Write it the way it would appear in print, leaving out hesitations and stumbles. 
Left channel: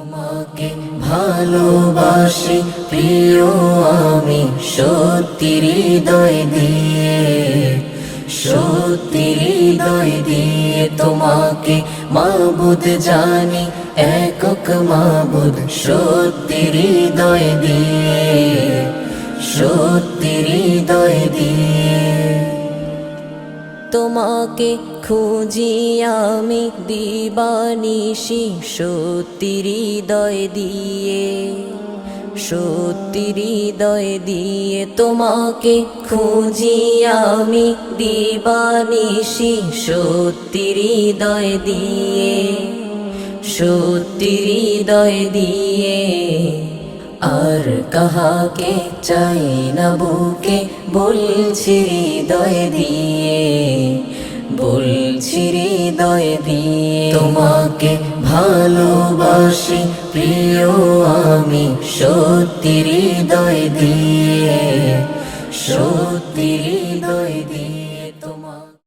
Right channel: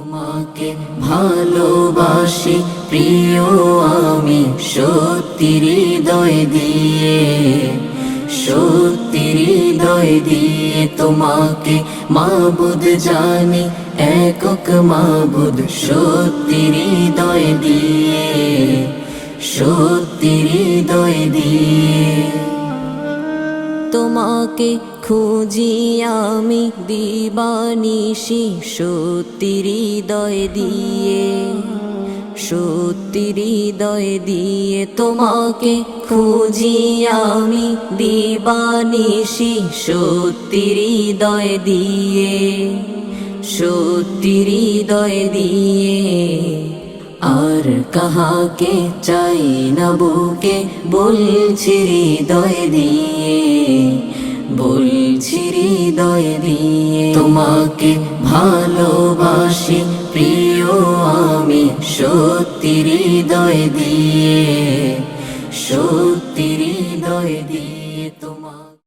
তোমাকে ভালোবাসি প্রিয় আমি সত্যি হৃদয় দিয়ে, সত্যি হৃদয় দিয়ে তোমাকে মাবুদ জানি একক মাবুদ সত্যি হৃদয় দিয়ে, সত্যি হৃদয় দিয়ে। তোমাকে খুঁজি আমি দিবানিশি সত্যি হৃদয় দিয়ে, সত্যি হৃদয় দিয়ে। তোমাকে খুঁজি আমি দিবানিশি সত্যি হৃদয় দিয়ে, সত্যি হৃদয় দিয়ে। আর কাহাকে চাই না বুকে বলছি হৃদয় দিয়ে, বলছি হৃদয় দিয়ে। তোমাকে ভালোবাসি প্রিয় আমি সত্যি হৃদয় দিয়ে, সত্যি হৃদয় দিয়ে।